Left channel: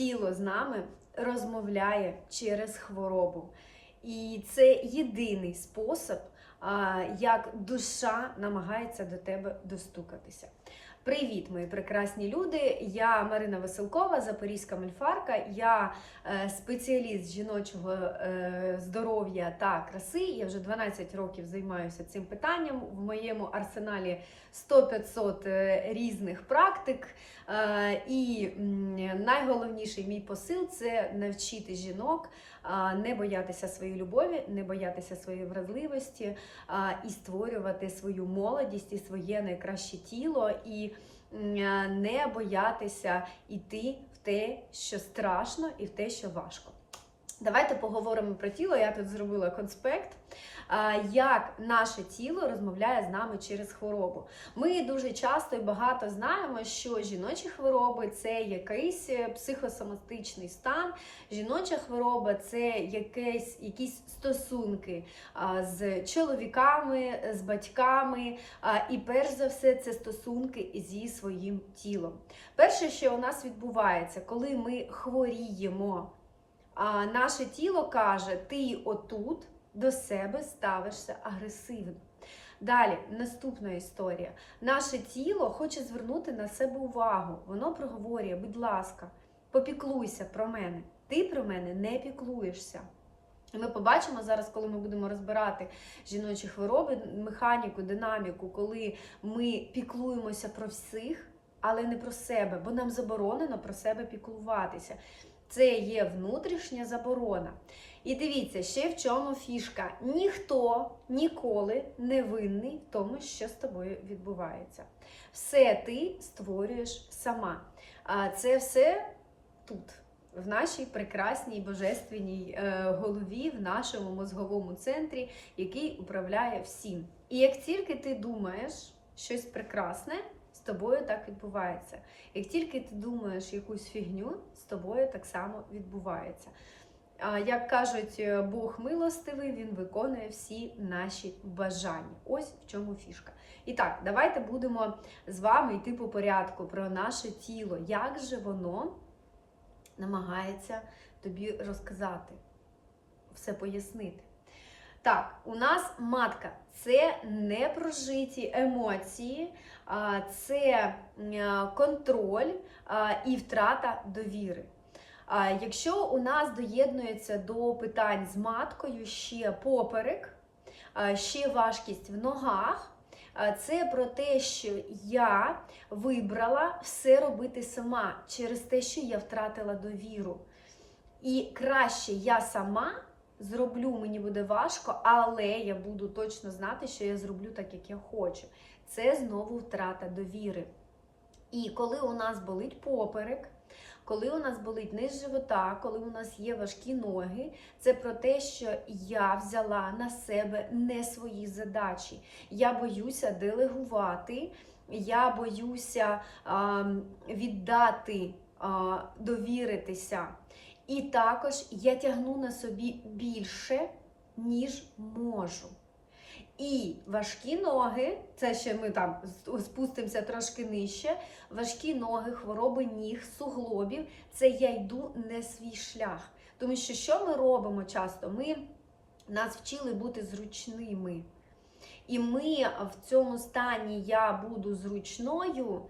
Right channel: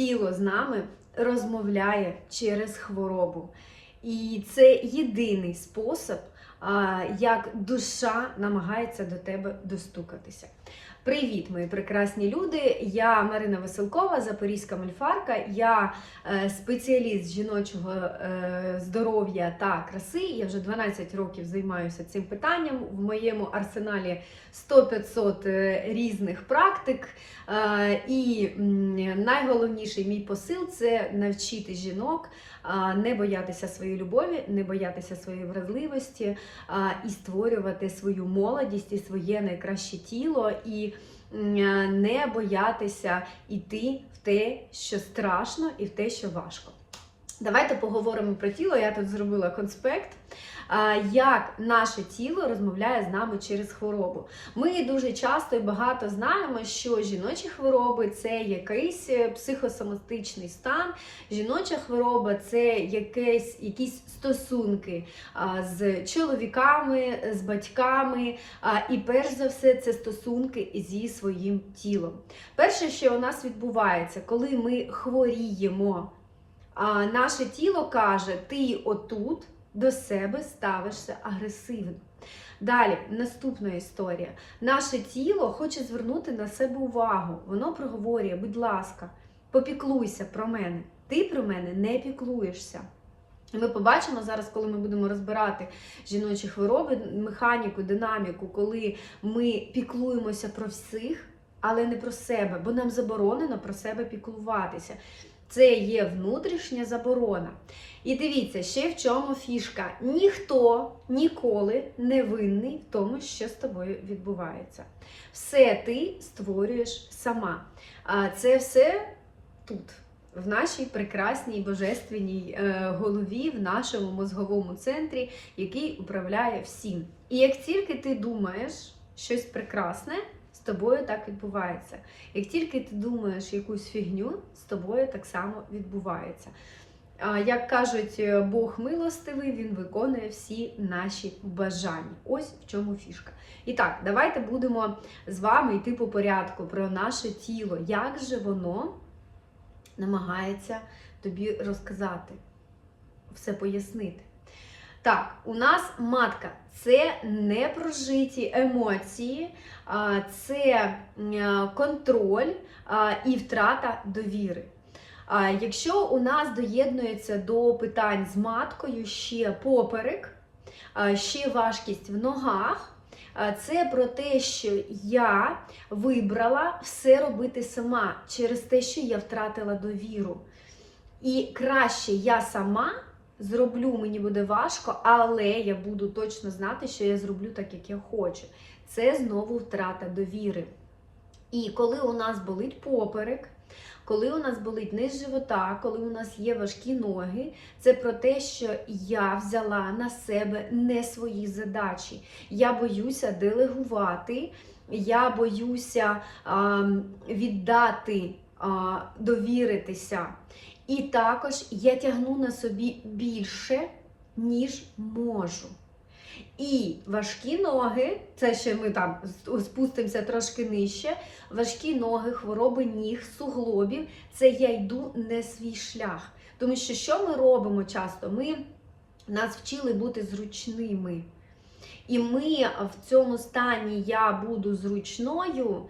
тіло з нами розмовляє через хворобу. І це єдиний спосіб, як душа намагається до тебе достукатися. Привіт, мої прекрасні люди! Я Марина Веселкова, Запорізька мольфарка. Я е, спеціаліст жіночого е, здоров'я та краси. Я вже 12 років займаюся цим питанням. В моєму арсеналі 100-500 е, різних практик. І найголовніший мій посил це навчити жінок не боятися своєї любові, не боятися своєї вразливості і створювати свою молодість і своє найкраще тіло, і не боятися йти в те, що страшно, і в те, що важко. Давайте поговоримо про тіло. Я тут зробила конспект, як наше тіло розмовляє з нами через хворобу. Ми дуже часто і багато знаємо, що жіночі хвороби це якийсь е, психосоматичний стан. Жіноча хвороба це якесь, якісь стосунки з чоловіками, з батьками. І перш за все, це стосунки зі своїм тілом. Перше, що у нас відбувається, коли ми хворіємо, а, наше тіло каже: ти отут до себе ставишся агресивно. Далі, наступна історія. Наше тіло хоче звернути на себе увагу. Воно проговорює, будь ласка, попіклуйся про мене. Ти про мене не піклуєшся. Ми побачимо зараз, коли ми будемо розбирати жіночі хвороби, механіку, динаміку, коли ми піклуємося про всіх, але не про себе, бо нам заборонено про себе піклуватися. Це є внутрішня заборона. І дивіться, ще в чому фішка. Ніхто ніколи не винний в тому, що з тобою відбувається. Все ти створюєш сама. А це все тут, в нашій прекрасній божественній е, голові, в нашому мозговому центрі, який управляє всім. І як тільки ти думаєш щось прекрасне, тобою так відбувається. Як тільки ти думаєш якусь фігню, з тобою так само відбувається. Як кажуть, е, Бог милостивий, він виконує всі наші бажання. Ось в чому фішка. І так, давайте будемо з вами йти по порядку про наше тіло. Як же воно намагається тобі розказати, все пояснити. Так, у нас матка це непрожиті емоції, це контроль і втрата довіри. Якщо у нас доєднується до питань з маткою ще поперек, ще важкість в ногах, це про те, що я вибрала все робити сама через те, що я втратила довіру. І краще я сама зроблю, мені буде важко, але я буду точно знати, що я зроблю так, як я хочу. Це знову втрата довіри. І коли у нас болить поперек, коли у нас болить низ живота, коли у нас є важкі ноги, це про те, що я взяла на себе не свої задачі. Я боюся делегувати, я боюся а, віддати, а, довіритися. І також я тягну на собі більше, ніж можу. І важкі ноги, це ще ми там спустимося трошки нижче. Важкі ноги, хвороби ніг, суглобів це я йду не свій шлях. Тому що що ми робимо часто? Ми нас вчили бути зручними. І ми в цьому стані я буду зручною,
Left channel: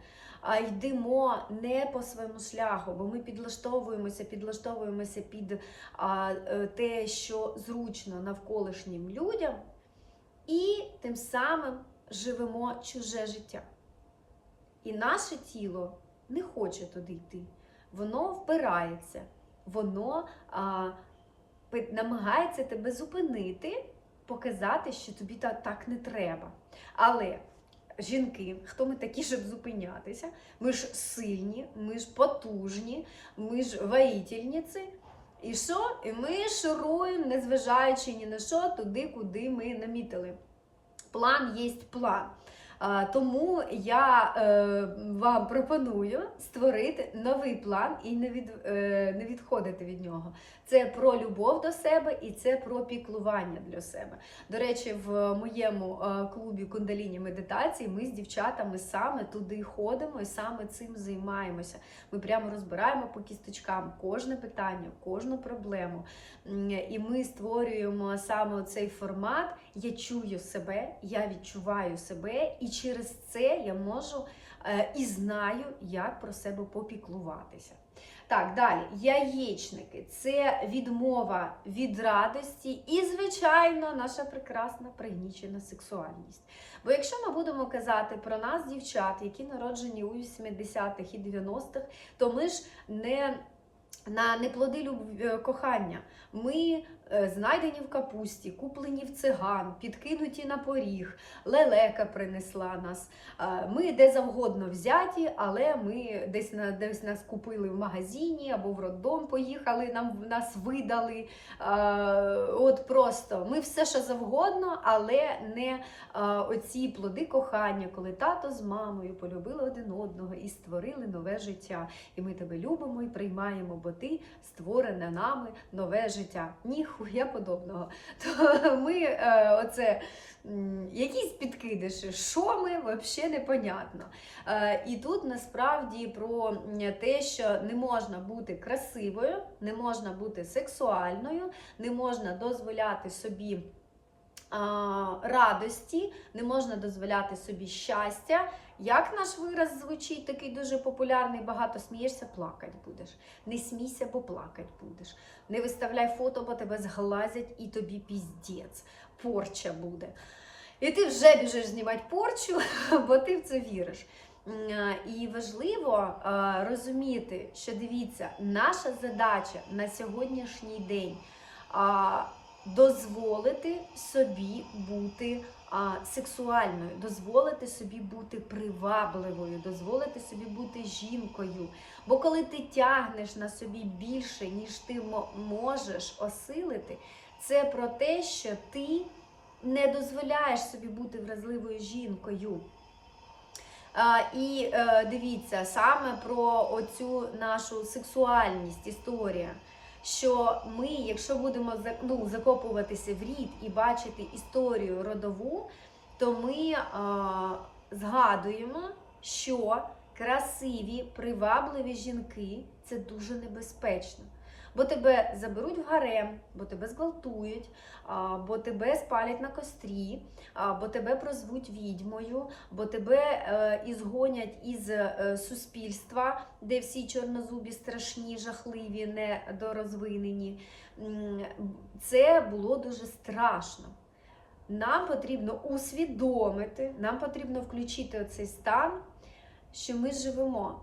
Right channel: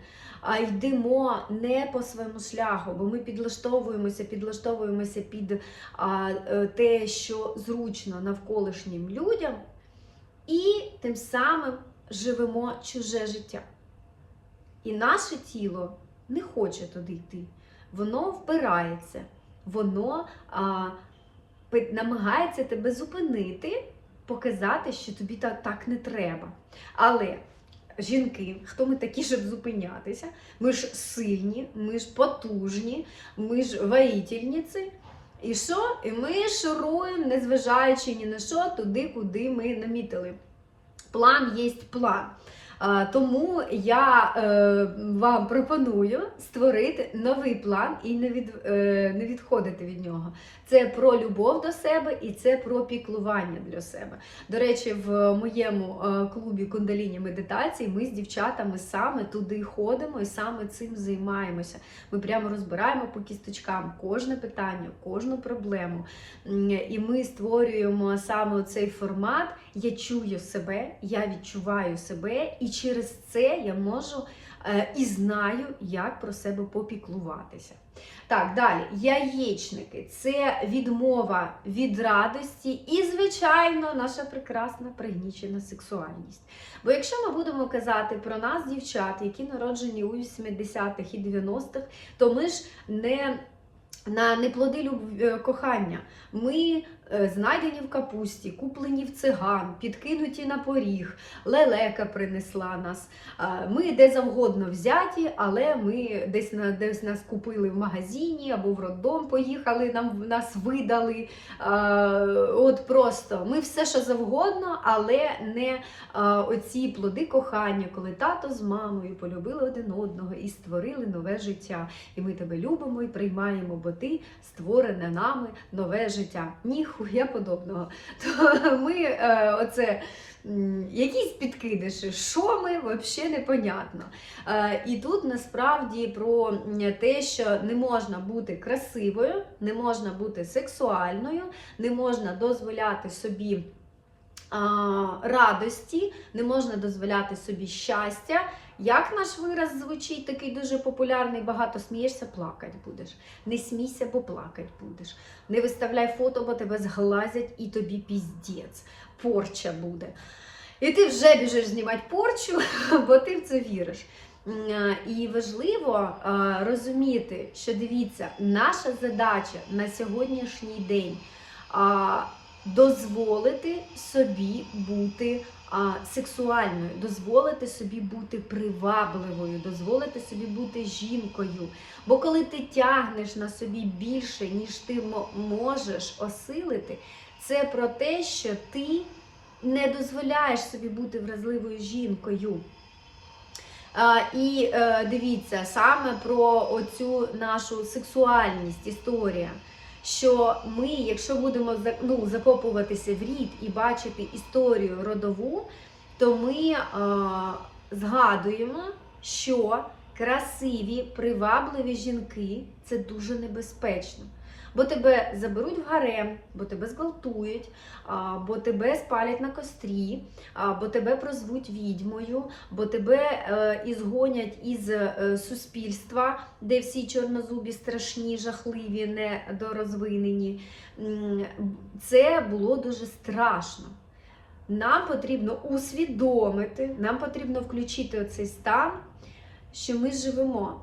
йдемо не по своєму шляху, бо ми підлаштовуємося, підлаштовуємося під а, е, те, що зручно навколишнім людям, і тим самим живемо чуже життя. І наше тіло не хоче туди йти. Воно впирається, воно а, намагається тебе зупинити, показати, що тобі так, так не треба. Але жінки, хто ми такі, щоб зупинятися, ми ж сильні, ми ж потужні, ми ж воїтельниці. І що? І ми шуруємо, незважаючи ні на що, туди, куди ми намітили. План є план. Тому я е, вам пропоную створити новий план і не, від, е, не відходити від нього. Це про любов до себе і це про піклування для себе. До речі, в моєму е, клубі кундаліні медитації ми з дівчатами саме туди ходимо і саме цим займаємося. Ми прямо розбираємо по кісточкам кожне питання, кожну проблему. І ми створюємо саме цей формат. Я чую себе, я відчуваю себе, і через це я можу е, і знаю, як про себе попіклуватися. Так, далі, яєчники це відмова від радості і, звичайно, наша прекрасна пригнічена сексуальність. Бо якщо ми будемо казати про нас, дівчат, які народжені у 80-х і 90-х, то ми ж не на неплоди люб... е, кохання. Ми знайдені в капусті, куплені в циган, підкинуті на поріг, лелека принесла нас. Ми де завгодно взяті, але ми десь десь нас купили в магазині або в роддом поїхали, нам нас видали. От просто ми все, що завгодно, але не оці плоди кохання, коли тато з мамою полюбили один одного і створили нове життя. І ми тебе любимо і приймаємо, бо ти створене нами нове життя. Ніхуя подобного. То ми е, оце. Якісь підкидиші, що ми взагалі непонятно. Е, і тут насправді про те, що не можна бути красивою, не можна бути сексуальною, не можна дозволяти собі радості, не можна дозволяти собі щастя. Як наш вираз звучить, такий дуже популярний, багато смієшся, плакать будеш. Не смійся, бо плакать будеш. Не виставляй фото, бо тебе зглазять і тобі піздець. Порча буде. І ти вже біжиш знімати порчу, бо ти в це віриш. І важливо розуміти, що дивіться, наша задача на сьогоднішній день дозволити собі бути а, сексуальною, дозволити собі бути привабливою, дозволити собі бути жінкою. Бо коли ти тягнеш на собі більше, ніж ти можеш осилити, це про те, що ти не дозволяєш собі бути вразливою жінкою. А, і е, дивіться саме про оцю нашу сексуальність, історія. Що ми, якщо будемо ну, закопуватися в рід і бачити історію родову, то ми е, згадуємо, що красиві, привабливі жінки це дуже небезпечно. Бо тебе заберуть в гарем, бо тебе зґвалтують, бо тебе спалять на кострі, бо тебе прозвуть відьмою, бо тебе е, ізгонять із е, суспільства, де всі чорнозубі страшні, жахливі, недорозвинені. Це було дуже страшно. Нам потрібно усвідомити, нам потрібно включити оцей стан, що ми живемо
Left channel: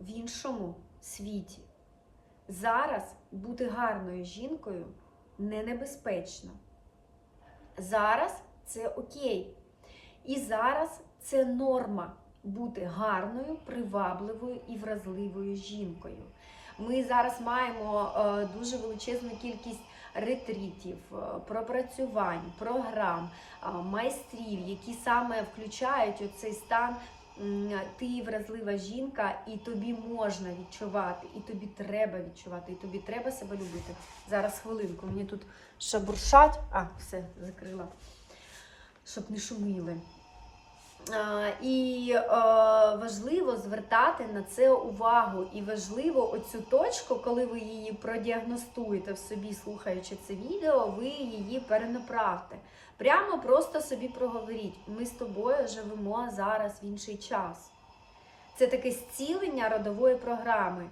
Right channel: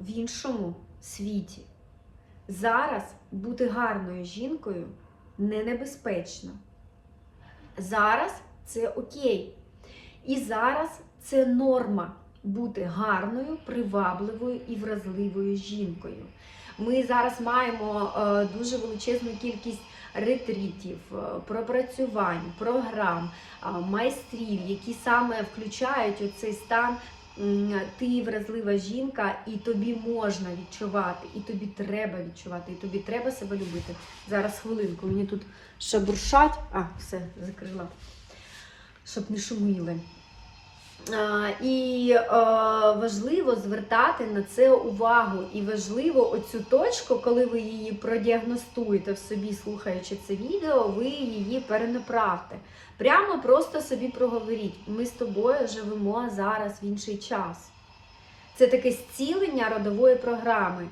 в іншому світі. Зараз бути гарною жінкою не небезпечно. Зараз це окей. І зараз це норма бути гарною, привабливою і вразливою жінкою. Ми зараз маємо е, дуже величезну кількість ретритів, е, пропрацювань, програм, майстрів, які саме включають оцей стан. Ти вразлива жінка, і тобі можна відчувати, і тобі треба відчувати, і тобі треба себе любити. Зараз хвилинку, мені тут шабуршать. А, все, закрила, щоб не шуміли. А, І е, важливо звертати на це увагу. І важливо оцю точку, коли ви її продіагностуєте в собі, слухаючи це відео, ви її перенаправте. Прямо просто собі проговоріть: ми з тобою живемо зараз в інший час. Це таке зцілення родової програми.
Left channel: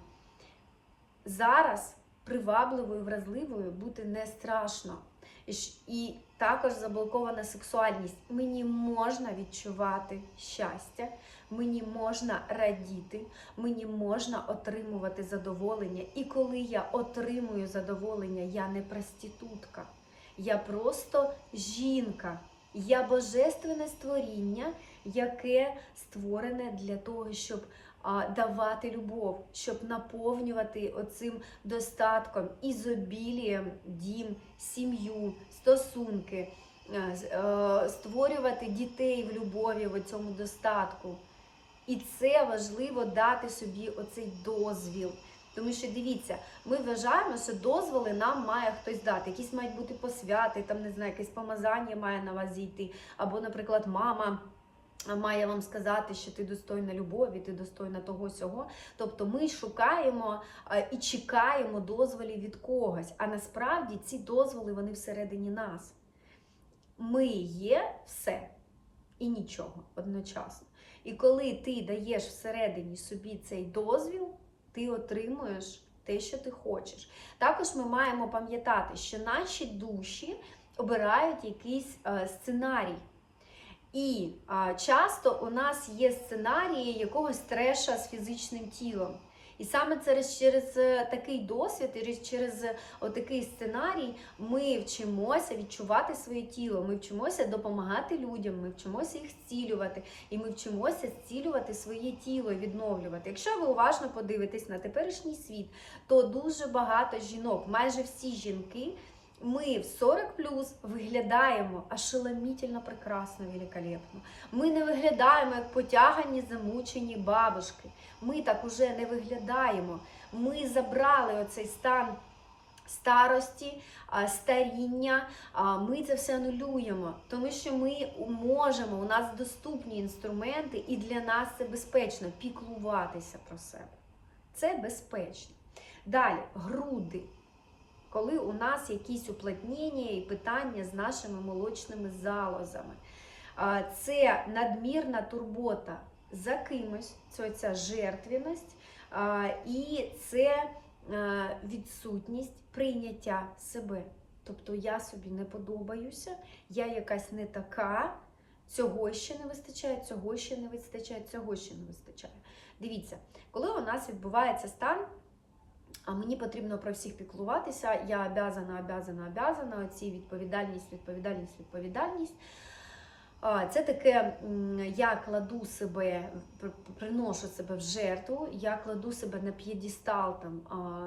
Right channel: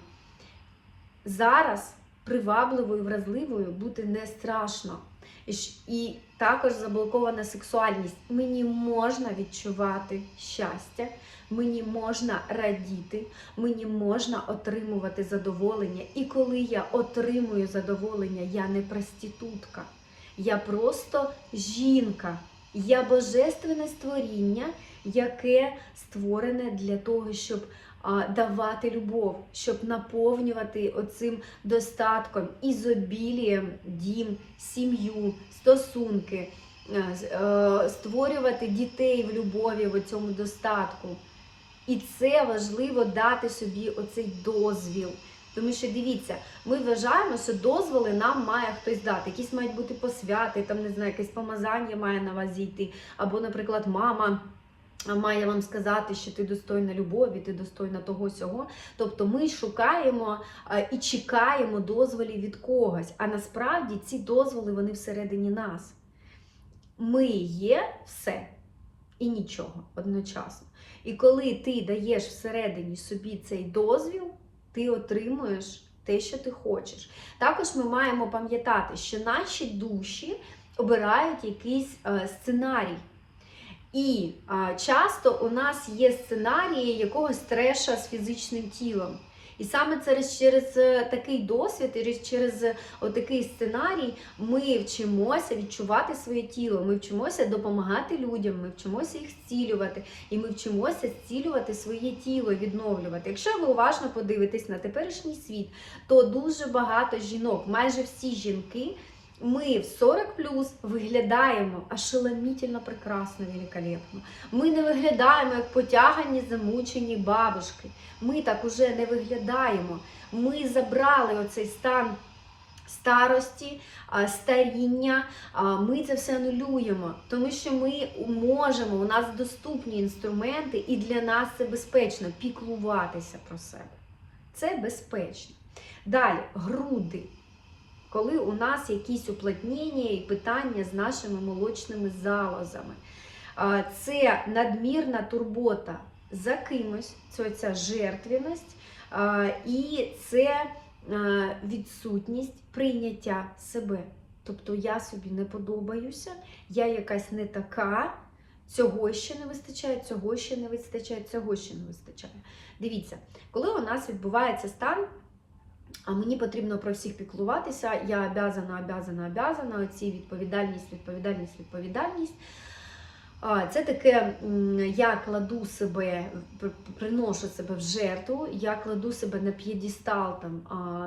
Зараз привабливою, вразливою бути не страшно. І також заблокована сексуальність. Мені можна відчувати щастя, мені можна радіти, мені можна отримувати задоволення. І коли я отримую задоволення, я не проститутка, я просто жінка. Я божественне створіння, яке створене для того, щоб давати любов, щоб наповнювати оцим достатком, ізобілієм, дім, сім'ю, стосунки. е, е, створювати дітей в любові, в цьому достатку. І це важливо дати собі оцей дозвіл. Тому що дивіться, ми вважаємо, що дозволи нам має хтось дати. Якісь мають бути посвяти, там не знаю, якесь помазання має на вас зійти. Або, наприклад, мама має вам сказати, що ти достойна любові, ти достойна того сього. Тобто ми шукаємо і чекаємо дозволів від когось. А насправді ці дозволи вони всередині нас. Ми є все і нічого одночасно. І коли ти даєш всередині собі цей дозвіл, ти отримуєш те, що ти хочеш. Також ми маємо пам'ятати, що наші душі обирають якийсь е, сценарій. І часто у нас є сценарії якогось треша з фізичним тілом. І саме через, через е, такий досвід, і через такий сценарій ми вчимося відчувати своє тіло, ми вчимося допомагати людям, ми вчимося їх зцілювати, і ми вчимося зцілювати своє тіло, відновлювати. Якщо ви уважно подивитесь на теперішній світ, то дуже багато жінок, майже всі жінки, ми в 40 плюс виглядаємо ошеломітельно прекрасно, великолепно. Ми не виглядаємо як потягані, замучені бабушки. Ми так уже не виглядаємо. Ми забрали оцей стан старості, старіння. Ми це все анулюємо, тому що ми можемо, у нас доступні інструменти, і для нас це безпечно піклуватися про себе. Це безпечно. Далі, груди. Коли у нас якісь уплотнення і питання з нашими молочними залозами. Це надмірна турбота за кимось, це ця жертвість, і це відсутність прийняття себе. Тобто я собі не подобаюся, я якась не така, цього ще не вистачає, цього ще не вистачає, цього ще не вистачає. Дивіться, коли у нас відбувається стан, а мені потрібно про всіх піклуватися, я обязана, обязана, обязана, оці відповідальність, відповідальність, відповідальність. Це таке, я кладу себе, приношу себе в жертву, я кладу себе на п'єдістал там,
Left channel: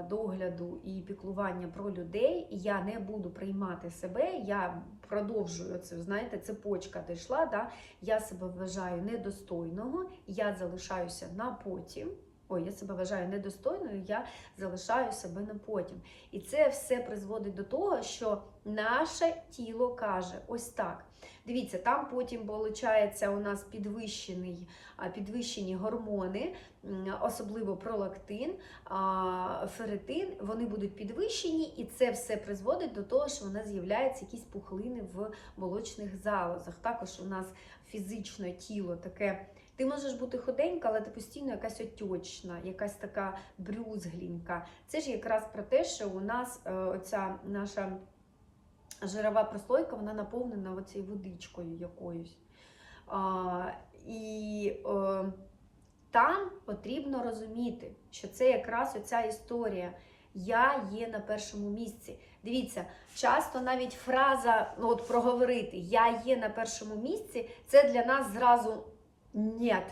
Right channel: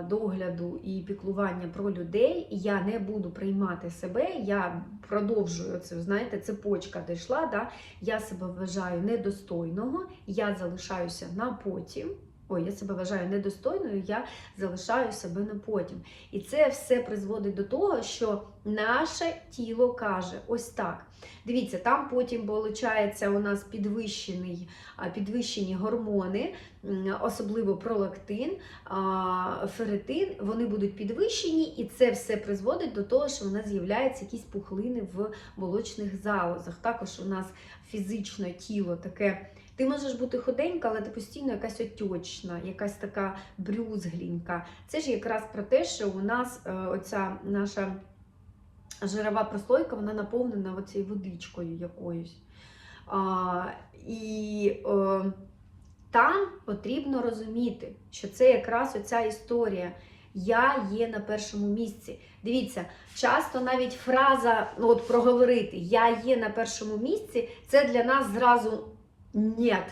догляду і піклування про людей, я не буду приймати себе, я продовжую це, знаєте, цепочка дійшла, да? я себе вважаю недостойного, я залишаюся на потім. Ой, я себе вважаю недостойною, я залишаю себе на потім. І це все призводить до того, що наше тіло каже: ось так. Дивіться, там потім виходить у нас підвищений, підвищені гормони, особливо пролактин, а, ферритин, вони будуть підвищені, і це все призводить до того, що у нас з'являються якісь пухлини в молочних залозах. Також у нас фізично тіло таке. Ти можеш бути худенька, але ти постійно якась отечна, якась така брюзгленька. Це ж якраз про те, що у нас е, оця наша жирова прослойка, вона наповнена оцією водичкою якоюсь. А, і е, там потрібно розуміти, що це якраз оця історія. Я є на першому місці. Дивіться, часто навіть фраза ну, от проговорити Я є на першому місці це для нас зразу нет.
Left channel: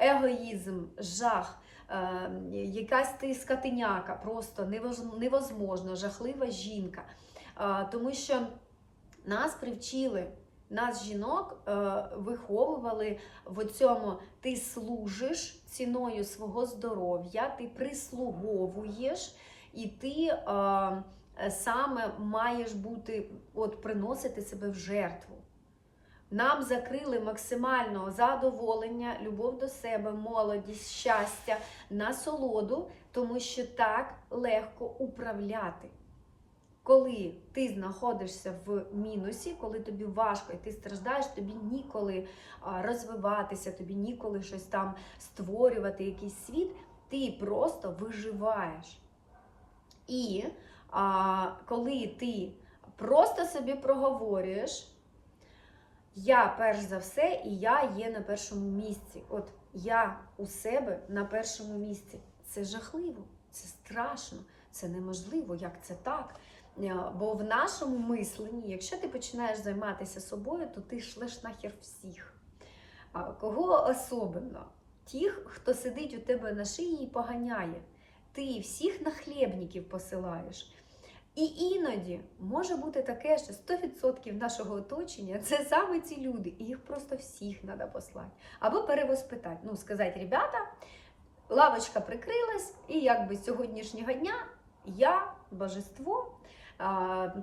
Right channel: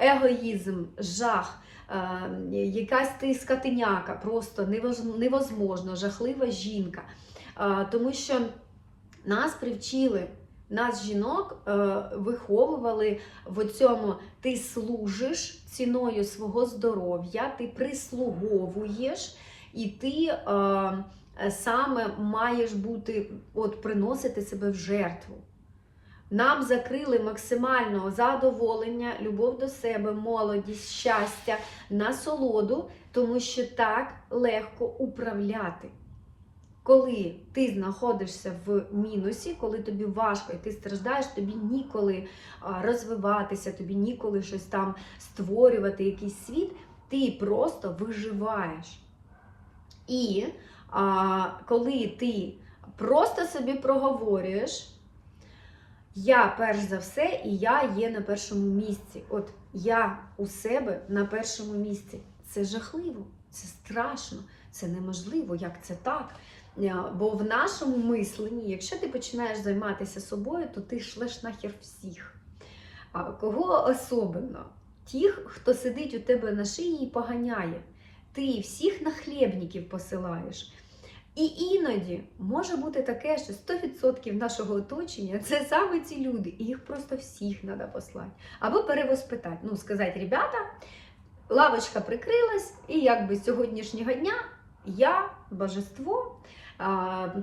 Егоїзм, жах, е, якась ти скотиняка, просто невоз- невозможно, жахлива жінка. Е, тому що нас привчили, нас жінок е, виховували в цьому ти служиш ціною свого здоров'я, ти прислуговуєш, і ти саме маєш бути, от приносити себе в жертву. Нам закрили максимального задоволення, любов до себе, молодість, щастя, насолоду, тому що так легко управляти. Коли ти знаходишся в мінусі, коли тобі важко і ти страждаєш, тобі ніколи розвиватися, тобі ніколи щось там створювати, якийсь світ, ти просто виживаєш. І а, коли ти просто собі проговорюєш, я перш за все, і я є на першому місці. От я у себе на першому місці. Це жахливо, це страшно, це неможливо. Як це так? Е, Бо в нашому мисленні, якщо ти починаєш займатися собою, то ти шлеш нахер всіх. А кого особливо? Тих, хто сидить у тебе на шиї і поганяє. Ти всіх на хлібників посилаєш. І іноді може бути таке, що 100% нашого оточення це саме ці люди, і їх просто всіх треба послати. Або перевоспитати. Ну, сказати, ребята, лавочка прикрилась, і якби з сьогоднішнього дня я божество.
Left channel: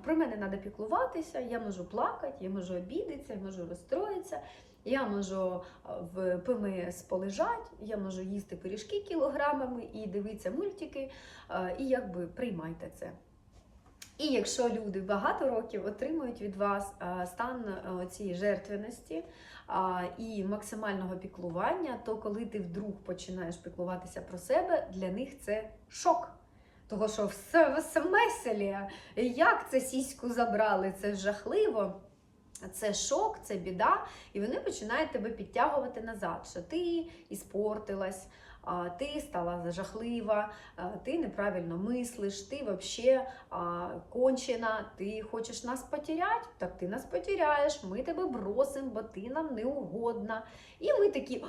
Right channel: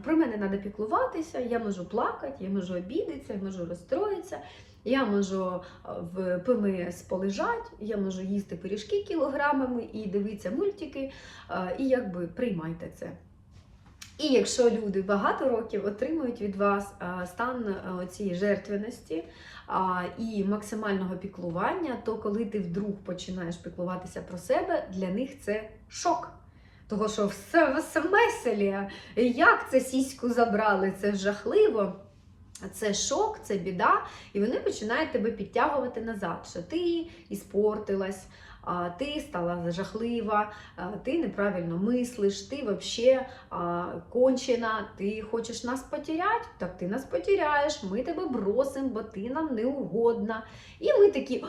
Про мене треба піклуватися, я можу плакати, я можу обідатися, я можу розстроїтися, я можу в ПМС полежати, я можу їсти пиріжки кілограмами і дивитися мультики, і якби приймайте це. І якщо люди багато років отримують від вас стан цієї жертвеності і максимального піклування, то коли ти вдруг починаєш піклуватися про себе, для них це шок. Того, що все в смеселі, як це сіську забрали, це жахливо. Це шок, це біда, і вони починають тебе підтягувати назад, що ти іспортилась, ти стала жахлива, ти неправильно мислиш, ти взагалі кончена, ти хочеш нас потеряти, так ти нас потеряєш, ми тебе бросимо, бо ти нам не угодна. І ми такі,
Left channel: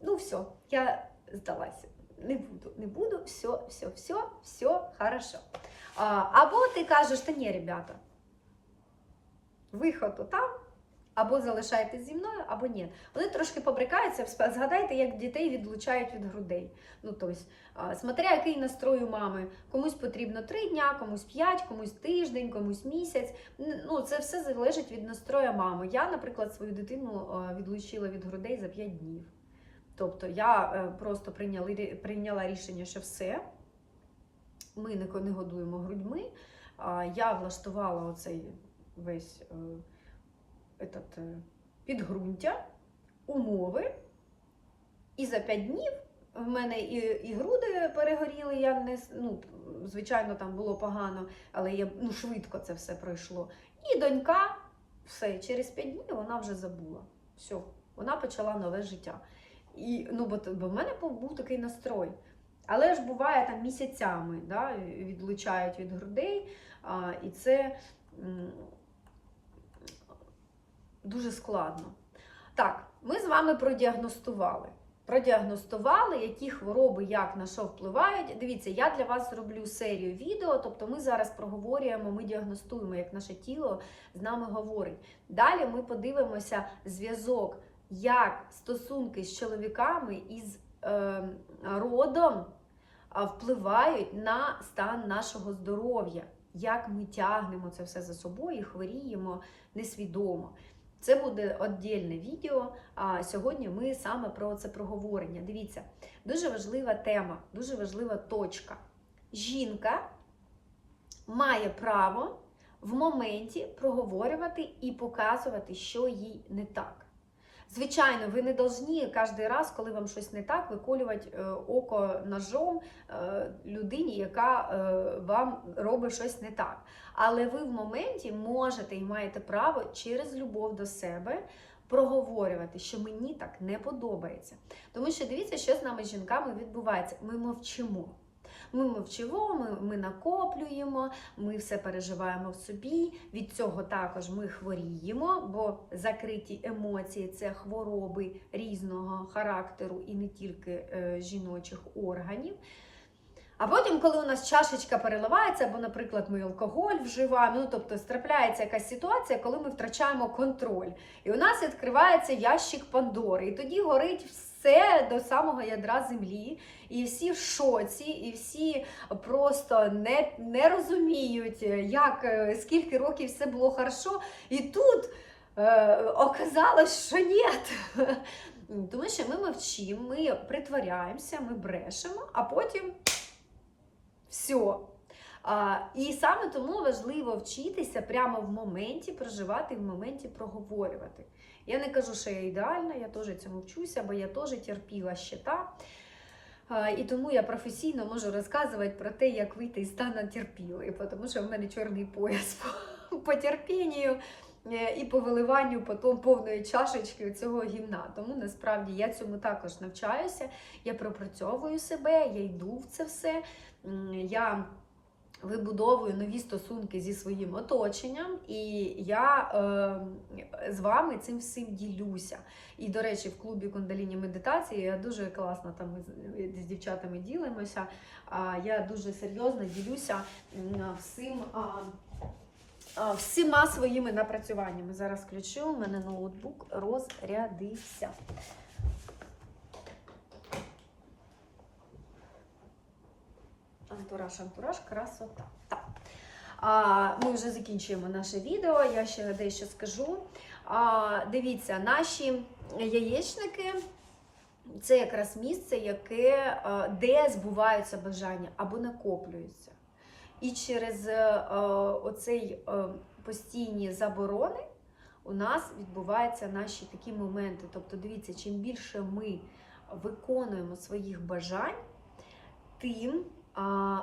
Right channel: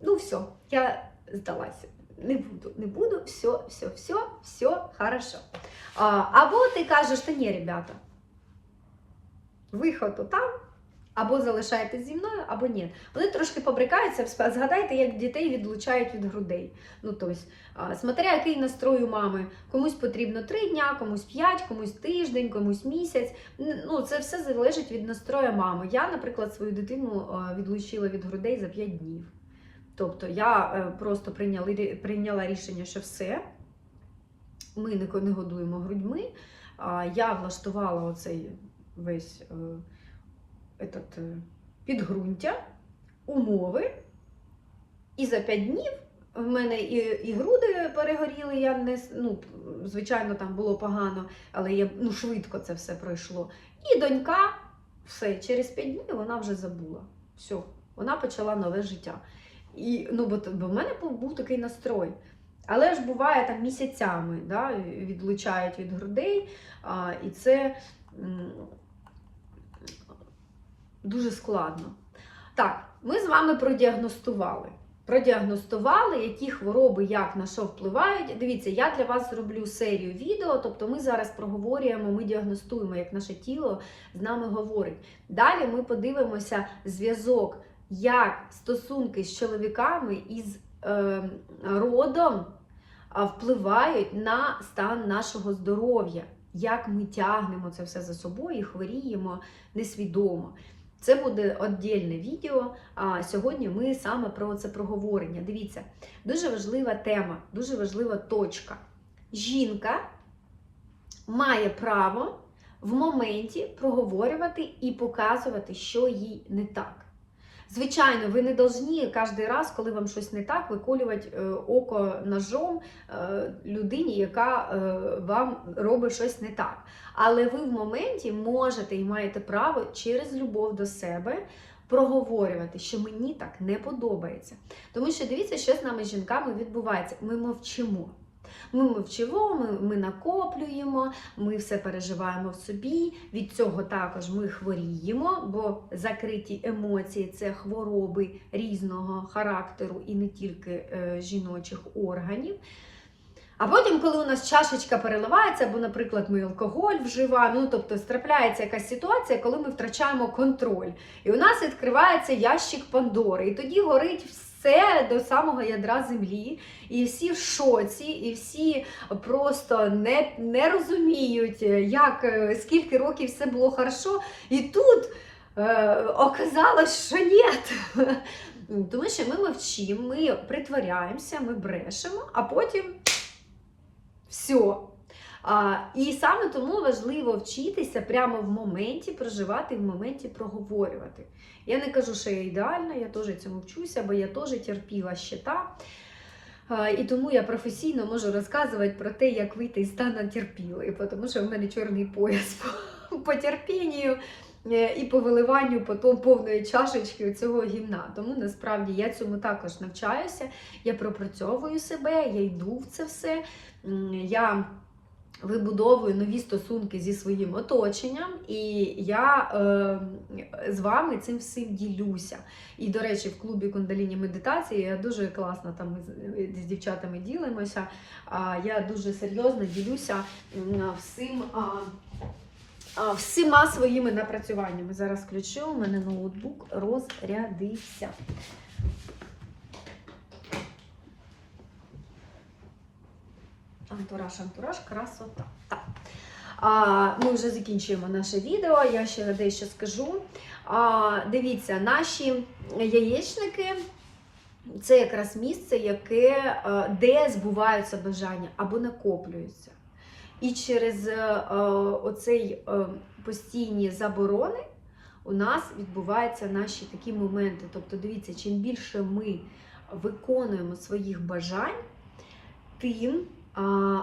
ну все, я здалася. Не буду, не буду, все, все, все, все хорошо. Або ти кажеш, та ні, ребята, виход там, або залишайтесь зі мною, або ні. Вони трошки побрикаються, згадайте, як дітей відлучають від грудей. Ну, тобто, смотря який настрой у мами. Комусь потрібно три дня, комусь п'ять, комусь тиждень, комусь місяць. Ну, це все залежить від настрою мами. Я, наприклад, свою дитину відлучила від грудей за п'ять днів. Тобто я е, просто прийняла рішення, що все, ми не, годуємо грудьми. Я влаштувала оцей весь е, этот, е, підґрунтя, умови. І за 5 днів в мене і, і груди перегоріли. Я не, ну, звичайно, там було погано, але я, ну, швидко це все пройшло. І донька, все, через 5 днів вона вже забула. Все, вона почала нове життя. І, ну, бо, бо в мене був, такий настрой. Але ж буває там місяцями да, відлучають від грудей, а, і це дуже складно. Так, ми з вами продіагностували. Продіагностували, які хвороби як на що впливають. Дивіться, я для вас зроблю серію відео, тобто ми зараз проговорюємо, ми діагностуємо, як наше тіло з нами говорить. Далі ми подивимося зв'язок, як стосунки з чоловіками із е, родом впливають на стан нашого здоров'я, як ми тягнемо це все за собою і хворіємо несвідомо. Це буде віддільне відео. А сьогодні ми саме про це проговорення. Дивіться, дуже важлива тема, дуже важлива точка. Жінка має право в моменті проговорювати і показувати, що їй не так. Звичайно, ви не повинні кожен раз, коли вам щось не так, виколювати е, око ножом е, людині, яка е, вам робить щось не так. Але ви в моменті можете і маєте право через любов до себе проговорювати, що мені так не подобається. Тому що дивіться, що з нами жінками відбувається. Ми мовчимо. Ми мовчимо, ми, ми накоплюємо, ми все переживаємо в собі. Від цього також ми хворіємо, бо закриті емоції це хвороби різного характеру і не тільки е, жіночих органів. А потім, коли у нас чашечка переливається, або, наприклад, ми алкоголь вживаємо, ну тобто трапляється якась ситуація, коли ми втрачаємо контроль. І у нас відкривається ящик Пандори. І тоді горить все до самого ядра землі, і всі в шоці, і всі просто не, не розуміють, як е, скільки років все було хорошо. І тут е, оказалось, що ні. Тому що ми мовчимо, ми притворяємося, ми брешемо, а потім все. А, і саме тому важливо вчитися прямо в моменті проживати, в моменті проговорювати. Я не кажу, що я ідеальна, я теж цьому вчуся, бо я теж терпіла щита. І тому я професійно можу розказувати про те, як вийти із стану терпілої, тому що в мене чорний пояс по, терпінню і по виливанню потім повної чашечки цього гімна. Тому насправді я цьому також навчаюся, я пропрацьовую себе, я йду в це все. Я вибудовую нові стосунки зі своїм оточенням, і я е, з вами цим всім ділюся. І, до речі, в клубі кундаліні медитації я дуже класно там з, дівчатами ділимося. Я дуже серйозно ділюся всім. Всіма своїми напрацюваннями. Зараз включу, у мене ноутбук розрядився. Антураж, антураж, красота. Так. А, ми вже закінчуємо наше відео. Я ще дещо скажу. А, дивіться, наші яєчники це якраз місце, яке, е, де збуваються бажання або накоплюються. І через е, оцей е, постійні заборони у нас відбуваються наші такі моменти. Тобто, дивіться, чим більше ми виконуємо своїх бажань, тим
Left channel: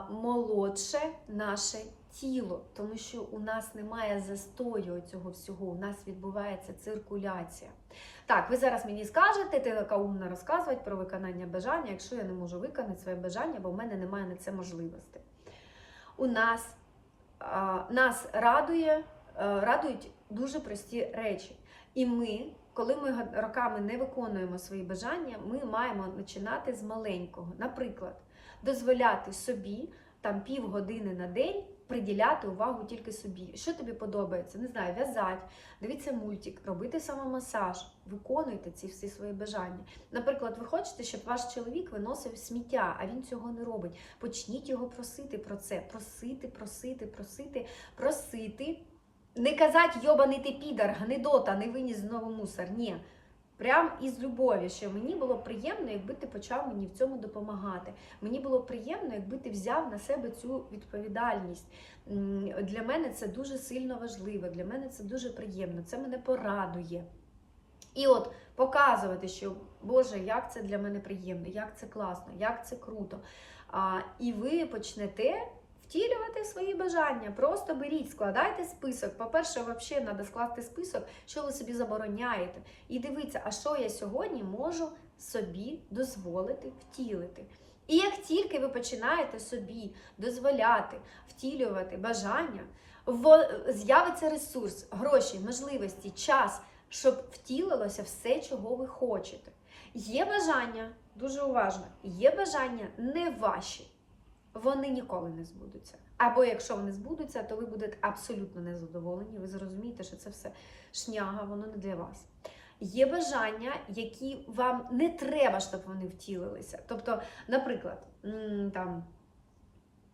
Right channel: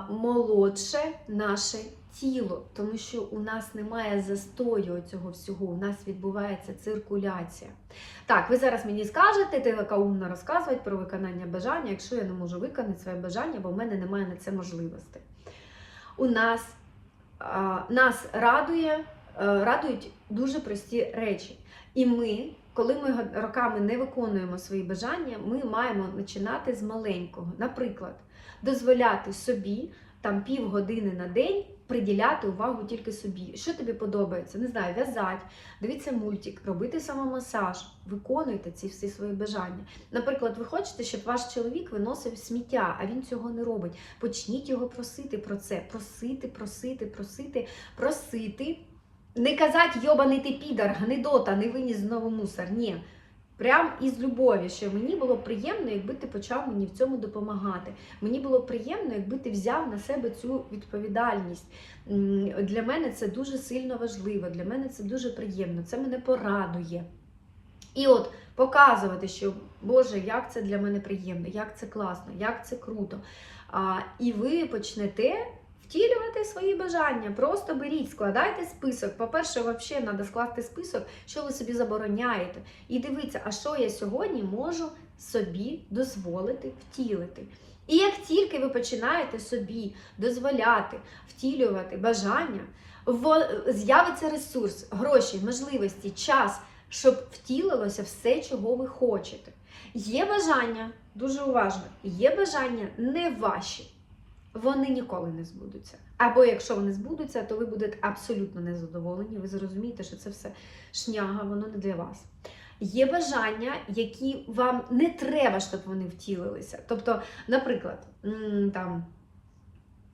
молодше наше тіло, тому що у нас немає застою цього всього, у нас відбувається циркуляція. Так, ви зараз мені скажете, ти така умна розказувати про виконання бажання, якщо я не можу виконати своє бажання, бо в мене немає на це можливості. У нас нас радує, радують дуже прості речі. І ми, коли ми роками не виконуємо свої бажання, ми маємо починати з маленького. Наприклад, дозволяти собі там півгодини на день приділяти увагу тільки собі. Що тобі подобається? Не знаю, в'язати, дивитися мультик, робити самомасаж, виконуйте ці всі свої бажання. Наприклад, ви хочете, щоб ваш чоловік виносив сміття, а він цього не робить. Почніть його просити про це. Просити, просити, просити, просити. Не казати, йобаний ти підар, гнидота, не виніс знову мусор. Ні. Прям із любові, що мені було приємно, якби ти почав мені в цьому допомагати. Мені було приємно, якби ти взяв на себе цю відповідальність. Для мене це дуже сильно важливо, для мене це дуже приємно, це мене порадує. І от показувати, що Боже, як це для мене приємно, як це класно, як це круто. А, І ви почнете втілювати свої бажання. Просто беріть, складайте список. По-перше, взагалі треба скласти список, що ви собі забороняєте. І дивіться, а що я сьогодні можу собі дозволити втілити. І як тільки ви починаєте собі дозволяти втілювати бажання, з'явиться ресурс, гроші, можливості, час, щоб втілилося все, чого ви хочете. Є бажання, дуже уважно, є бажання не ваші вони ніколи не збудуться. Або якщо вони збудуться, то ви будете абсолютно незадоволені. Ви зрозумієте, що це все шняга, воно не для вас. Є бажання, які вам не треба, щоб вони втілилися. Тобто, наприклад, там,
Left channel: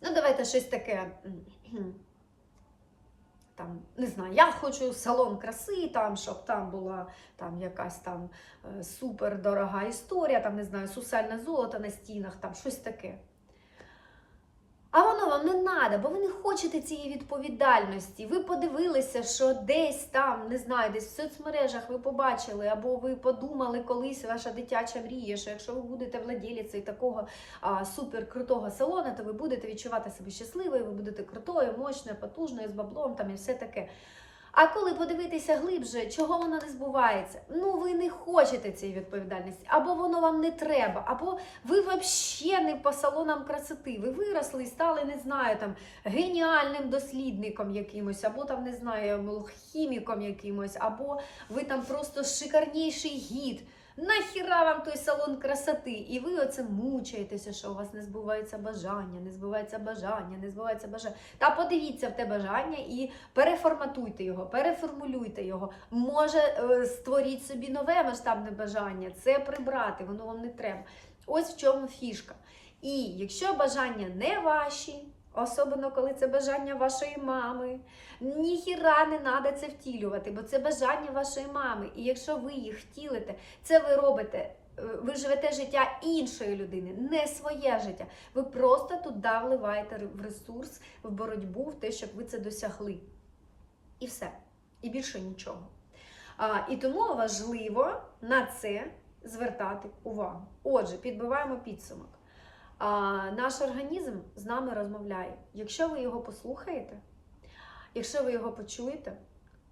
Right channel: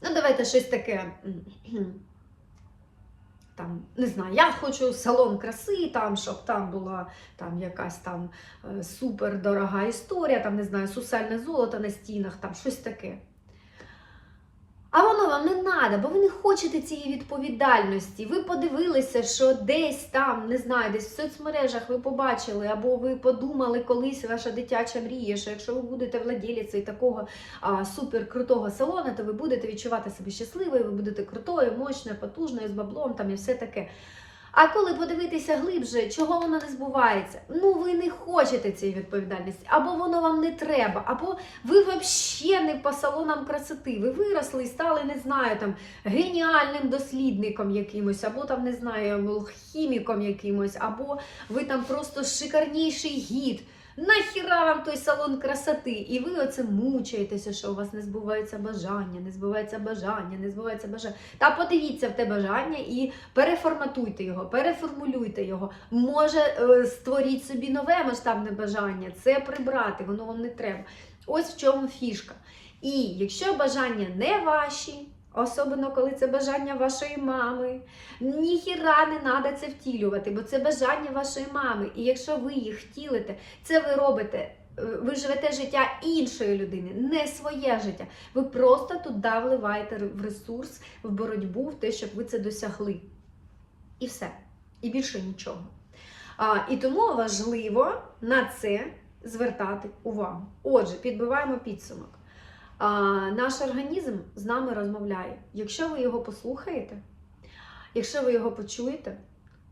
ну давайте щось таке. Там, не знаю, я хочу салон краси, там, щоб там була там якась там е, супер дорога історія, там не знаю, сусальне золото на стінах, там щось таке. А воно вам не треба, бо ви не хочете цієї відповідальності. Ви подивилися, що десь там, не знаю, десь в соцмережах ви побачили, або ви подумали колись ваша дитяча мрія, що якщо ви будете владіліцею такого а, суперкрутого салону, то ви будете відчувати себе щасливою, ви будете крутою, мощною, потужною, з баблом там і все таке. А коли подивитися глибше, чого воно не збувається? Ну ви не хочете цієї відповідальності, або воно вам не треба, або ви взагалі не по салонам красоти. Ви виросли і стали, не знаю, там геніальним дослідником якимось, або там не знаю, хіміком якимось, або ви там просто шикарніший гід. Нахіра вам той салон красоти? І ви оце мучаєтеся, що у вас не збуваються бажання, не збувається бажання, не збувається бажання. Та подивіться в те бажання і переформатуйте його, переформулюйте його. Може, е, створіть собі нове масштабне бажання, це прибрати, воно вам не треба. Ось в чому фішка. І якщо бажання не ваші, особливо коли це бажання вашої мами, ніхіра не треба це втілювати, бо це бажання вашої мами. І якщо ви їх втілите, це ви робите. е, Ви живете життя іншої людини, не своє життя. Ви просто туди вливаєте в ресурс, в боротьбу, в те, щоб ви це досягли. І все. І більше нічого. А, і тому важливо на це звертати увагу. Отже, підбиваємо підсумок. Наш організм з нами розмовляє. Якщо ви його послухаєте, якщо ви його почуєте,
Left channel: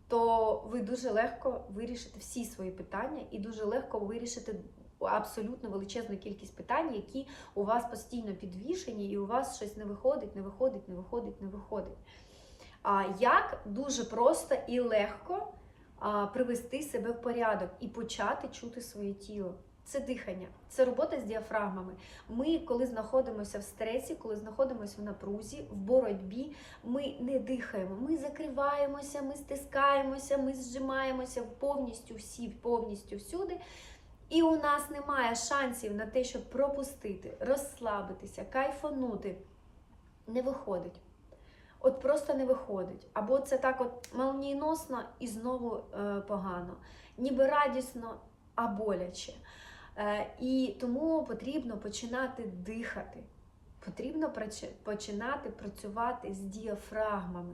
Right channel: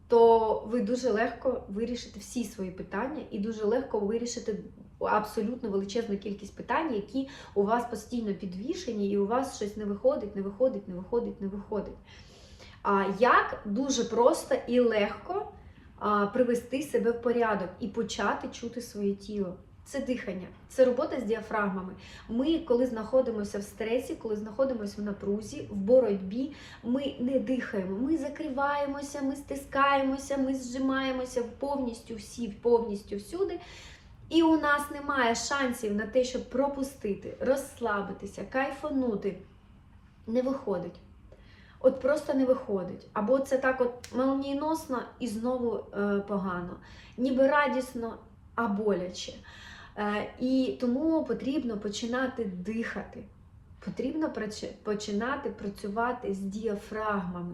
то ви дуже легко вирішите всі свої питання і дуже легко вирішите абсолютно величезну кількість питань, які у вас постійно підвішені, і у вас щось не виходить, не виходить, не виходить, не виходить. А як дуже просто і легко привести себе в порядок і почати чути своє тіло. Це дихання, це робота з діафрагмами. Ми, коли знаходимося в стресі, коли знаходимося в напрузі, в боротьбі, ми не дихаємо. Ми закриваємося, ми стискаємося, ми зжимаємося повністю всі, повністю всюди. І у нас немає шансів на те, щоб пропустити, розслабитися, кайфанути. Не виходить. От просто не виходить. Або це так от молнієносно і знову е, погано. Ніби радісно, а боляче. Е, і тому потрібно починати дихати. Потрібно починати працювати з діафрагмами.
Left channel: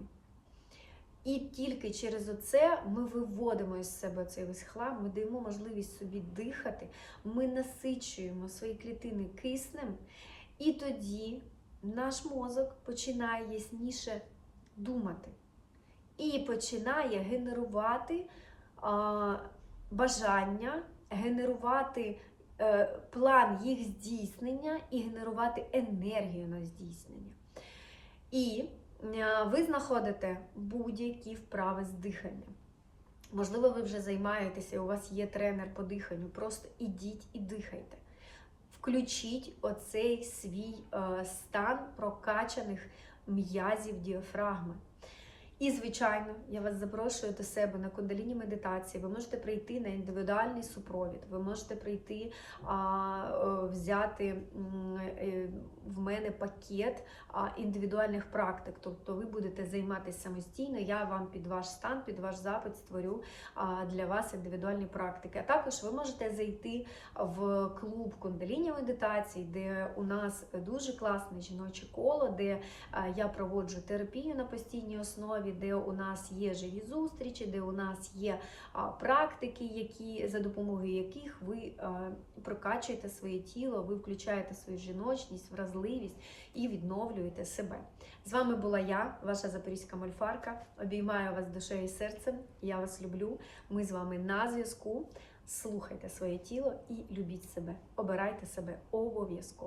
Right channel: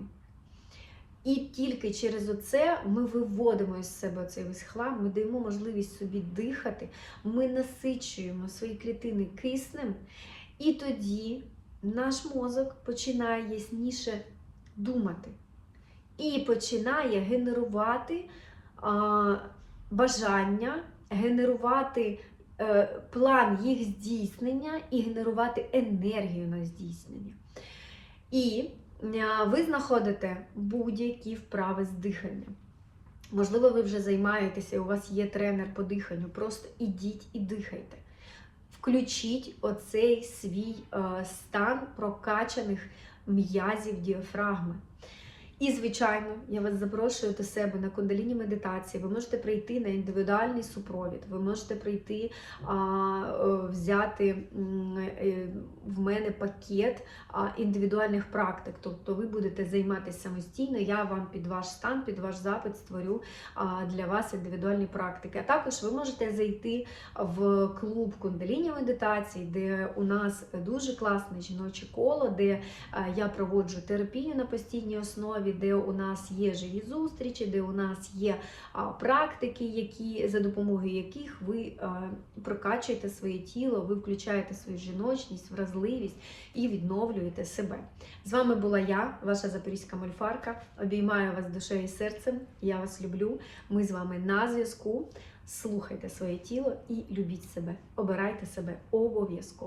І тільки через оце ми виводимо із себе цей весь хлам, ми даємо можливість собі дихати, ми насичуємо свої клітини киснем, і тоді наш мозок починає ясніше думати і починає генерувати а, бажання, генерувати план їх здійснення і генерувати енергію на здійснення. І ви знаходите будь-які вправи з дихання. Можливо, ви вже займаєтеся, у вас є тренер по диханню. Просто ідіть і дихайте. Включіть оцей свій е, стан прокачаних м'язів діафрагми. І, звичайно, я вас запрошую до себе на кундаліні медитації. Ви можете прийти на індивідуальний супровід, ви можете прийти а, е, взяти е, в мене пакет індивідуальних практик. Тобто ви будете займатися самостійно. Я вам під ваш стан, під ваш запит створю для вас індивідуальні практики. А також ви можете зайти в клуб кундаліні медитації, де у нас дуже класне жіноче коло, де я проводжу терапію на постійній основі, де у нас є живі зустрічі, де у нас є практики, які за допомогою яких ви прокачуєте своє тіло, ви включаєте свою жіночність, вразливість і відновлюєте себе. З вами була я, ваша запорізька мольфарка. Обіймаю вас душею і серцем. Я вас люблю. Ми з вами на зв'язку. Слухайте своє тіло і любіть себе. Обирайте себе обов'язково.